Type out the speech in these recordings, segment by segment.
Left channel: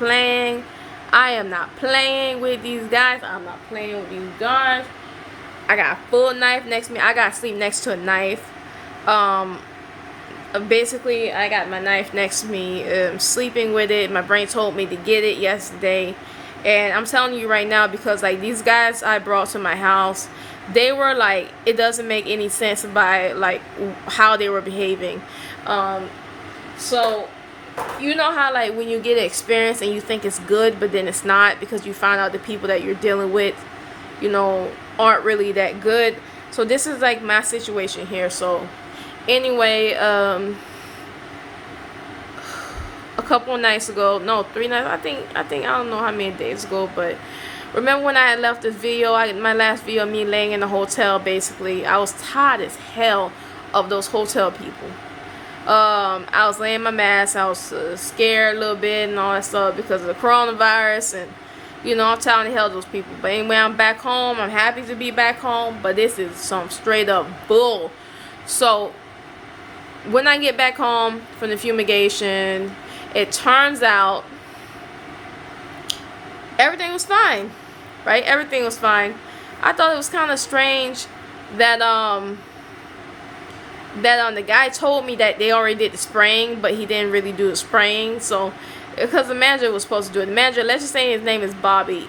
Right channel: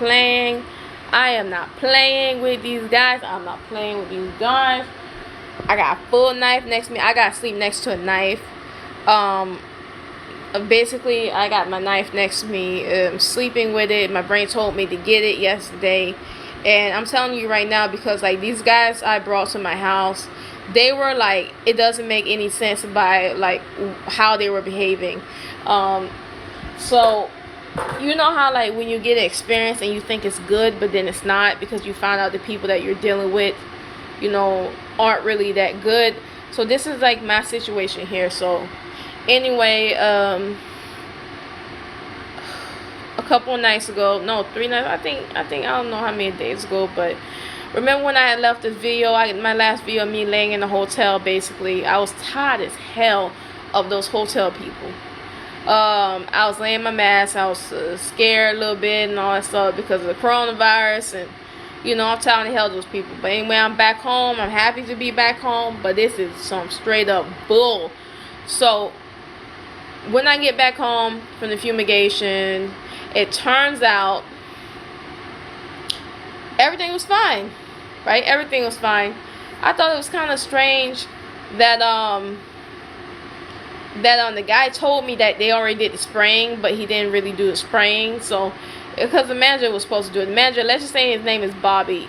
playing. I am not playing with these guys. I'm not playing with these guys. I got a full knife next to me. I got to sleep next to a knife. Basically, I got my knife next to me, sleeping with it. My brain told me to get it yesterday. And I'm telling you right now, because like these guys I brought to my house, they were like, it doesn't make any sense by like how they were behaving. So you know how like when you get an experience and you think it's good, but then it's not, because you find out the people that you're dealing with, aren't really that good. So this is like my situation here. So anyway, a couple of nights ago, no, 3 nights, I think I don't know how many days ago, but remember when I had left this video, my last video of me laying in the hotel, basically, I was tired as hell of those hotel people. I was laying my mask, I was scared a little bit and all that stuff because of the coronavirus, and I'm tired of hell of those people. But anyway, I'm back home, I'm happy to be back home, but this is some straight up bull. So when I get back home from the fumigation, it turns out everything was fine, right? Everything was fine. I thought it was kind of strange that the guy told me that they already did the spraying, but he didn't really do the spraying. So because the manager was supposed to do it, the manager, let's just say his name is Bobby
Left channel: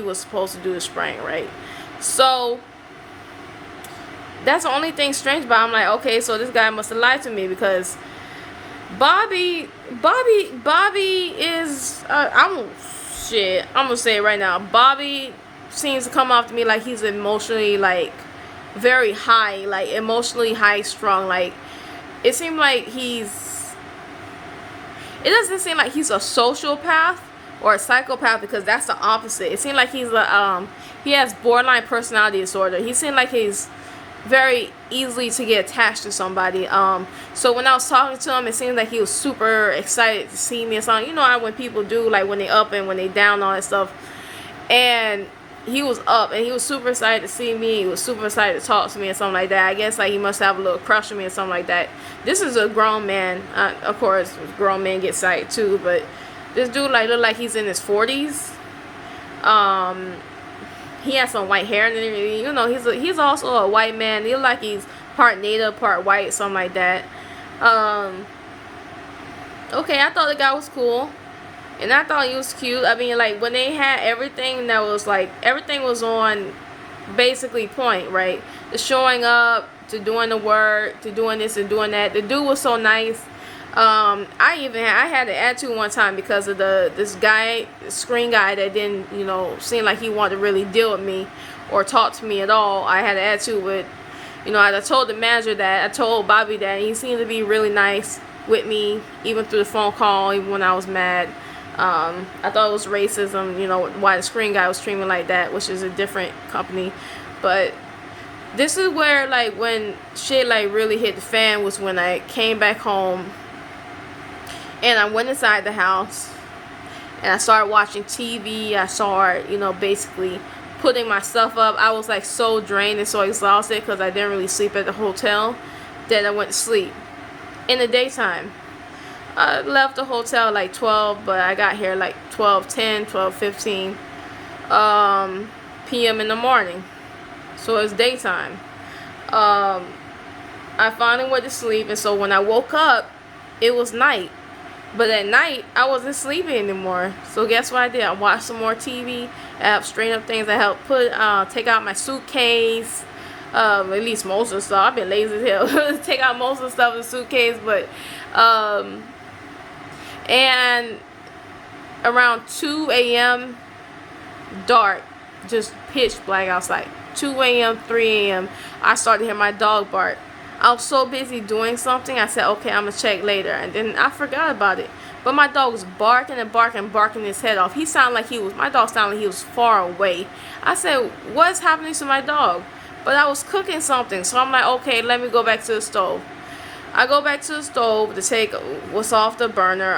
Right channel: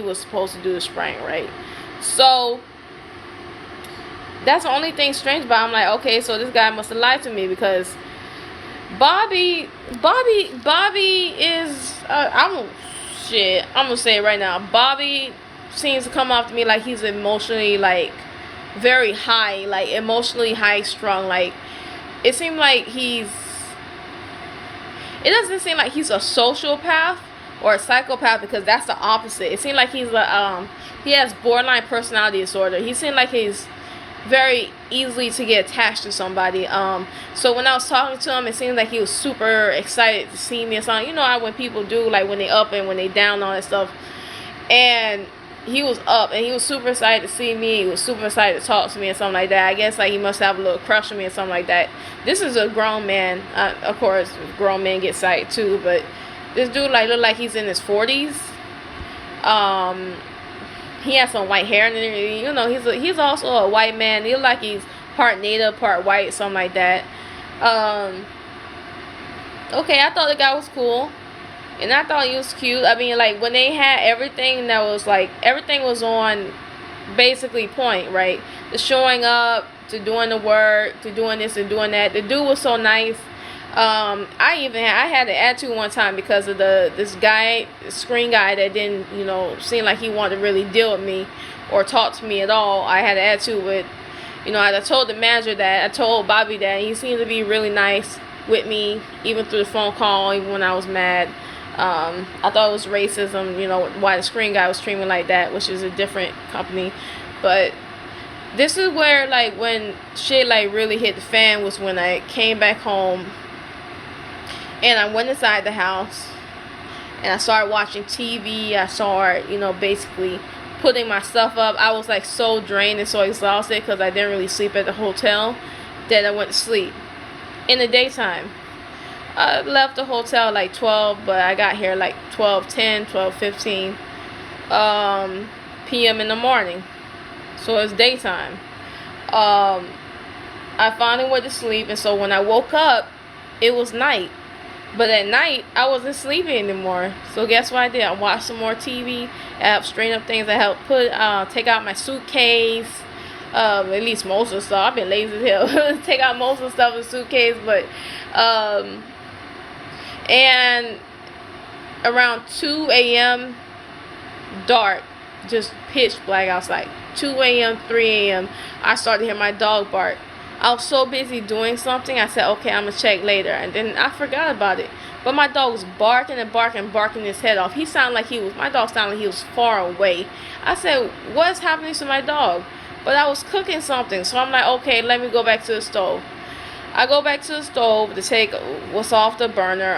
was supposed to do the spraying, right? So that's the only thing strange about it. I'm like, okay, so this guy must have lied to me, because Bobby is I'm gonna say it right now. Bobby seems to come off to me like he's emotionally like very high, like emotionally high strung. Like it seemed like it doesn't seem like he's a sociopath or a psychopath, because that's the opposite. It seemed like he has borderline personality disorder. He seemed like he's very easily to get attached to somebody. So when I was talking to him, it seemed like he was super excited to see me or something. When people do, like when they up and when they down, all that stuff. And he was up and he was super excited to see me. He was super excited to talk to me and something like that. I guess like he must have a little crush on me or something like that. This is a grown man. Of course, grown men get excited too, but this dude like look like he's in his 40s. He has some white hair, and he's also a white man. He look like he's part native, part white, something like that. Okay, I thought the guy was cool, and I thought he was cute. I mean, like when they had everything that was like everything was on basically point, right? The showing up, to doing the work, to doing this and doing that. The dude was so nice. I had an attitude one time because of this guy, screen guy that didn't, seem like he wanted to really deal with me or talk to me at all. I had an attitude with, I told the manager that, I told Bobby that, and he seemed to be really nice with me, even through the phone call, even when I was mad. I thought it was racism, why the screen guy was treating me like that, which is a different company. But this is where, like, when shit, like, really hit the fan was when I came back home. And I went inside the house and I started watching TV. I started, basically putting my stuff up. I was like so drained and so exhausted because I didn't really sleep at the hotel that I went to sleep in the daytime. I left the hotel like 12, but I got here like 12:10, 12:15 p.m. in the morning. So it's daytime. I finally went to sleep, and so when I woke up, it was night. But at night, I wasn't sleeping anymore. So guess what I did? I watched some more TV. I helped straighten up things. I helped take out my suitcase. At least most of the stuff. I've been lazy as hell. Take out most of the stuff in the suitcase. But, and around 2 a.m., dark, just pitch black outside. 2 a.m., 3 a.m., I started to hear my dog bark. I was so busy doing something, I said, okay, I'm going to check later. And then I forgot about it. But my dog was barking and barking his head off. My dog sounded like he was far away. I said, what's happening to my dog? But I was cooking something. So I'm like, okay, let me go back to the stove. I go back to the stove to take what's off the burner,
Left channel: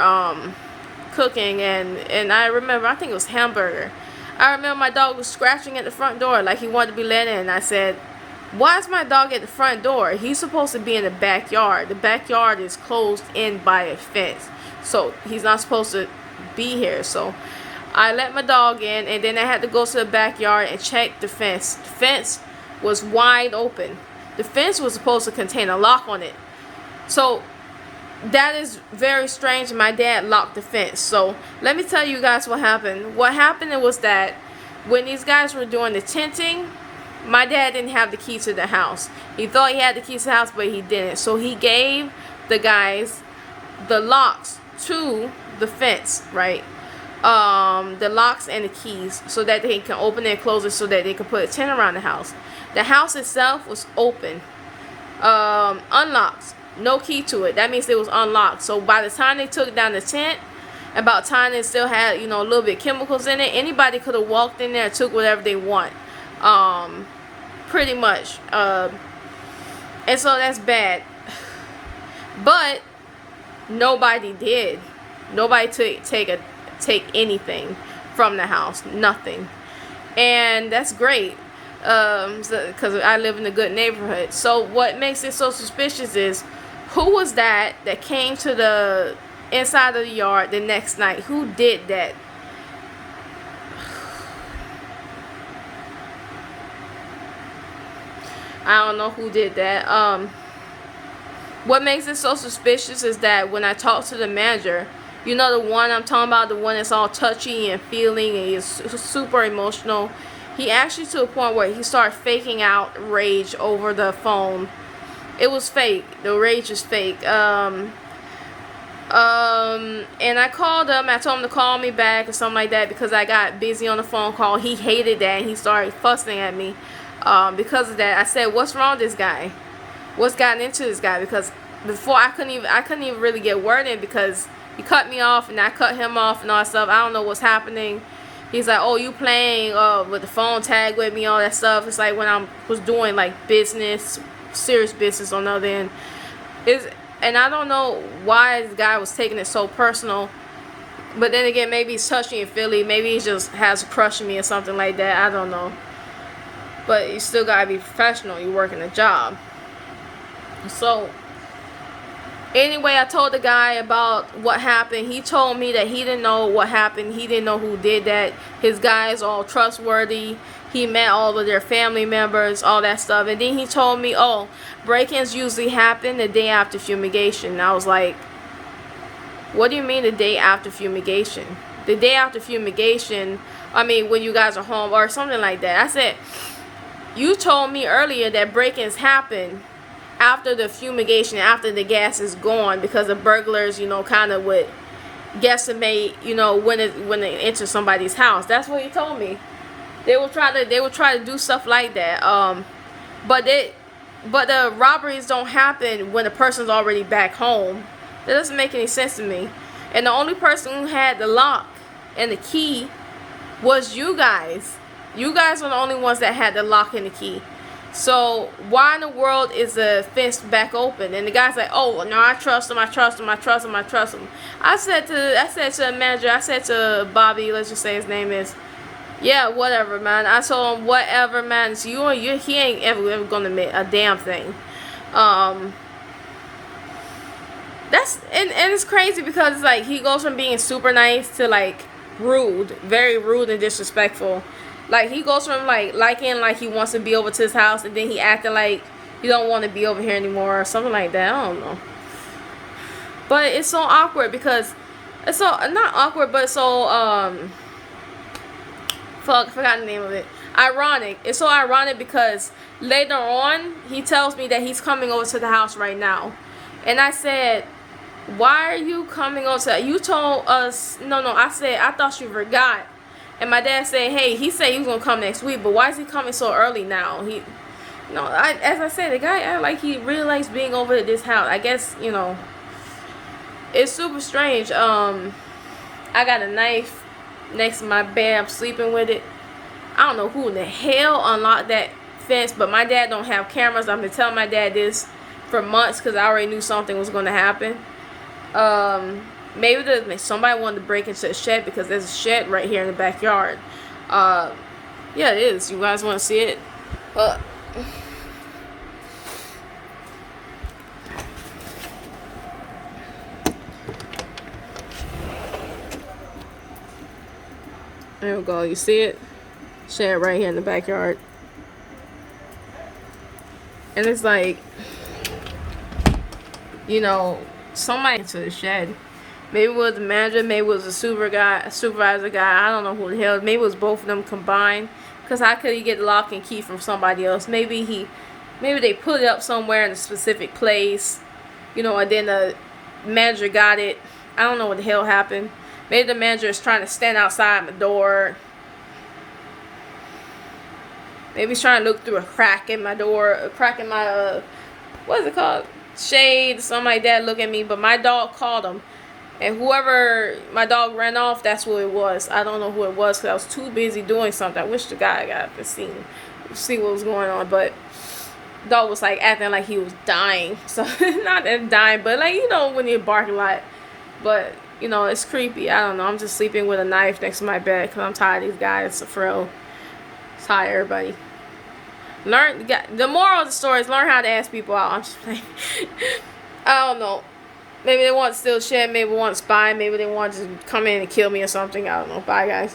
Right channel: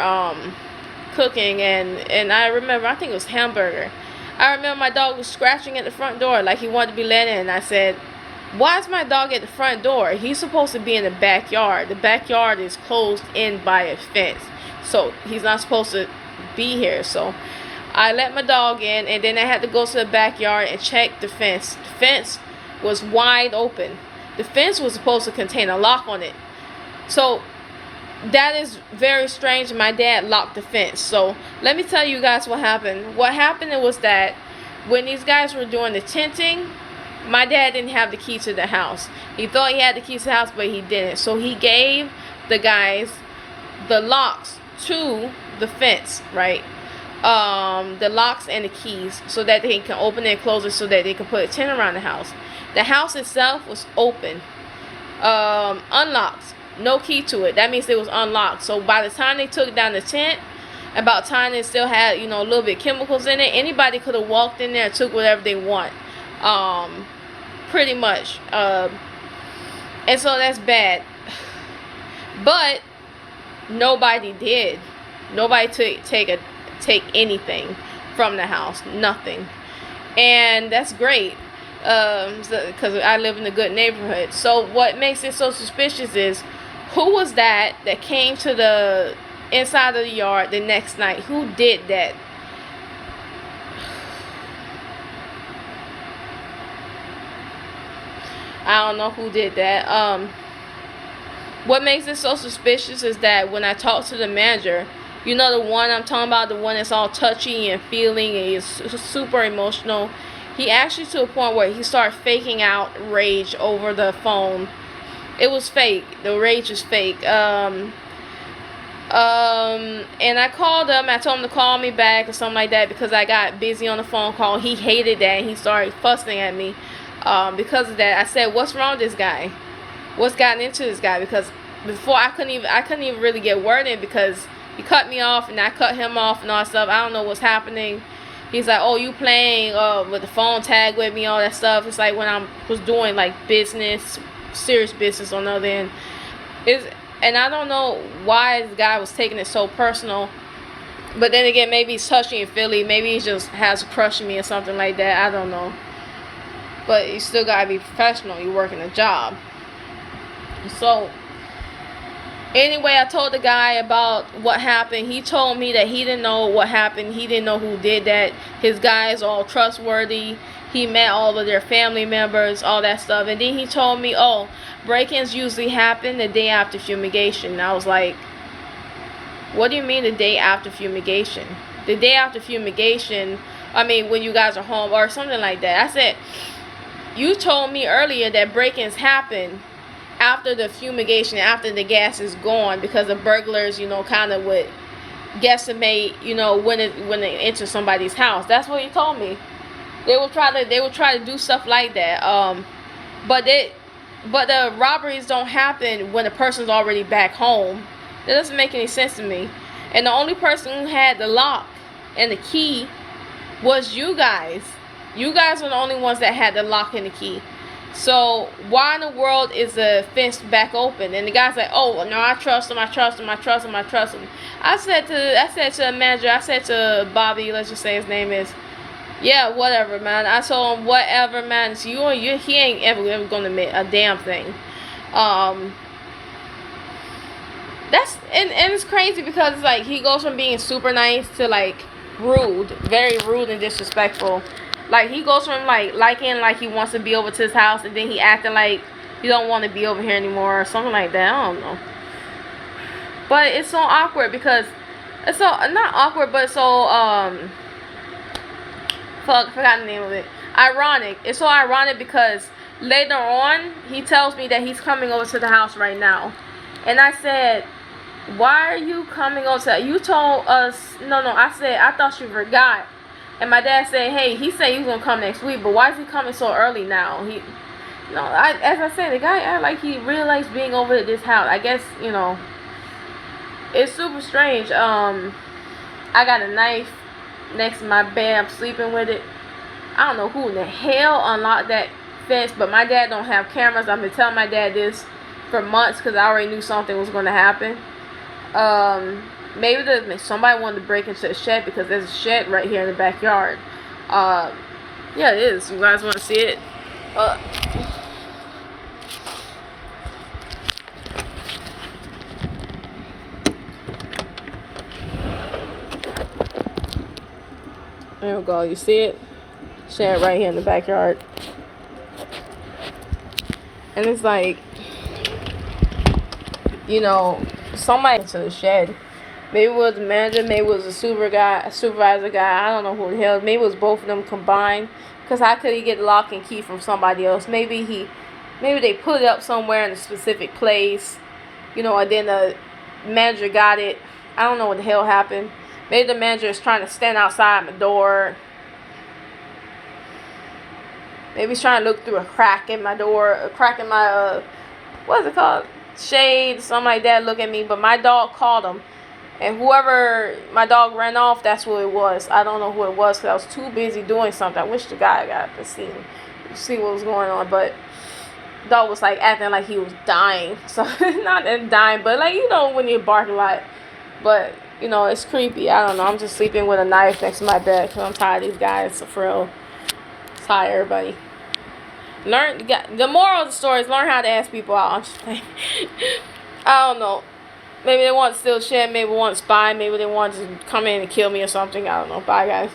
cooking. And I remember, I think it was hamburger. I remember my dog was scratching at the front door like he wanted to be let in. I said, why is my dog at the front door? He's supposed to be in the backyard. The backyard is closed in by a fence. So he's not supposed to be here. So I let my dog in, and then I had to go to the backyard and check the fence. The fence was wide open. The fence was supposed to contain a lock on it. So that is very strange. My dad locked the fence. So let me tell you guys what happened. What happened was that when these guys were doing the tenting, my dad didn't have the key to the house. He thought he had the key to the house, but he didn't. So he gave the guys the locks to the fence, right? The locks and the keys, so that they can open and close it, so that they can put a tent around the house. The house itself was open, unlocked, no key to it. That means it was unlocked. So by the time they took down the tent, about time it still had, a little bit of chemicals in it. Anybody could have walked in there and took whatever they want, pretty much. And so that's bad. But nobody did. Nobody take anything from the house. Nothing. And that's great, because I live in a good neighborhood. So what makes it so suspicious is, who was that came to the inside of the yard the next night? Who did that? I don't know who did that. What makes it so suspicious is that when I talked to the manager, the one I'm talking about, the one that's all touchy and feeling and he's super emotional, he actually, to a point where he started faking out rage over the phone. It was fake. The rage is fake. And I called him. I told him to call me back or something like that, because I got busy on the phone call. He hated that, and he started fussing at me because of that. I said, "What's wrong with this guy? What's gotten into this guy?" Because before I couldn't even really get word in, because he cut me off and I cut him off and all that stuff. I don't know what's happening. He's like, "Oh, you playing with the phone tag with me, all that stuff." It's like when I was doing like business, serious business on the other end. And I don't know why the guy was taking it so personal. But then again, maybe he's touchy and feely. Maybe he just has a crush on me or something like that. I don't know. But you still gotta be professional. You're working a job. So anyway, I told the guy about what happened. He told me that he didn't know what happened. He didn't know who did that. His guys are all trustworthy. He met all of their family members, all that stuff. And then he told me, "Oh, break-ins usually happen the day after fumigation." And I was like, "What do you mean the day after fumigation?" The day after fumigation, I mean when you guys are home or something like that. I said, "You told me earlier that break-ins happen after the fumigation, after the gas is gone, because the burglars, kind of would guesstimate, when they enter somebody's house." That's what he told me. They will try to do stuff like that. But the robberies don't happen when the person's already back home. That doesn't make any sense to me. And the only person who had the lock and the key was you guys. You guys are the only ones that had the lock and the key. So why in the world is the fence back open? And the guy's like, "Oh no, I trust him. I trust him. I trust him. I trust him." I said to the manager. I said to Bobby, let's just say his name is. "Yeah, whatever, man." I told him, "Whatever, man. It's he ain't ever gonna make a damn thing." That's and it's crazy, because it's like he goes from being super nice to like rude, very rude and disrespectful. Like he goes from like he wants to be over to his house, and then he acting like he don't want to be over here anymore or something like that. I don't know. But it's so awkward, because it's so not awkward, but so forgot the name of it. Ironic. It's so ironic because later on he tells me that he's coming over to the house right now, and I said, "Why are you coming over to? You told us no." I said, "I thought you forgot." And my dad said, "Hey, he said he was gonna come next week, but why is he coming so early now?" As I said, the guy act like he really likes being over at this house. I guess it's super strange. I got a knife next to my bed. I'm sleeping with it. I don't know who in the hell unlocked that fence, but my dad don't have cameras. I've been telling my dad this for months, because I already knew something was going to happen. Maybe somebody wanted to break into the shed, because there's a shed right here in the backyard. Yeah, it is. You guys want to see it? There we go. You see it? Shed right here in the backyard. And it's like, you know, somebody into the shed. Maybe it was the manager, maybe it was a supervisor guy. I don't know who the hell. Maybe it was both of them combined. Cause how could he get the lock and key from somebody else? Maybe they put it up somewhere in a specific place, you know, and then the manager got it. I don't know what the hell happened. Maybe the manager is trying to stand outside my door. Maybe he's trying to look through a crack in my door, a crack in my what is it called? Shade, something like that. Look at me, but my dog called him, and whoever my dog ran off, that's who it was. I don't know who it was because I was too busy doing something. I wish the guy could see what was going on, but dog was like acting like he was dying. So not that dying, but like, you know, when you bark a lot. But you know, it's creepy. I don't know. I'm just sleeping with a knife next to my bed because I'm tired of these guys. For real. Tired, everybody. The moral of the story is learn how to ask people out. I'm just playing. I don't know. Maybe they want to steal shit. Maybe they want to spy. Maybe they want to come in and kill me or something. I don't know. Bye, guys.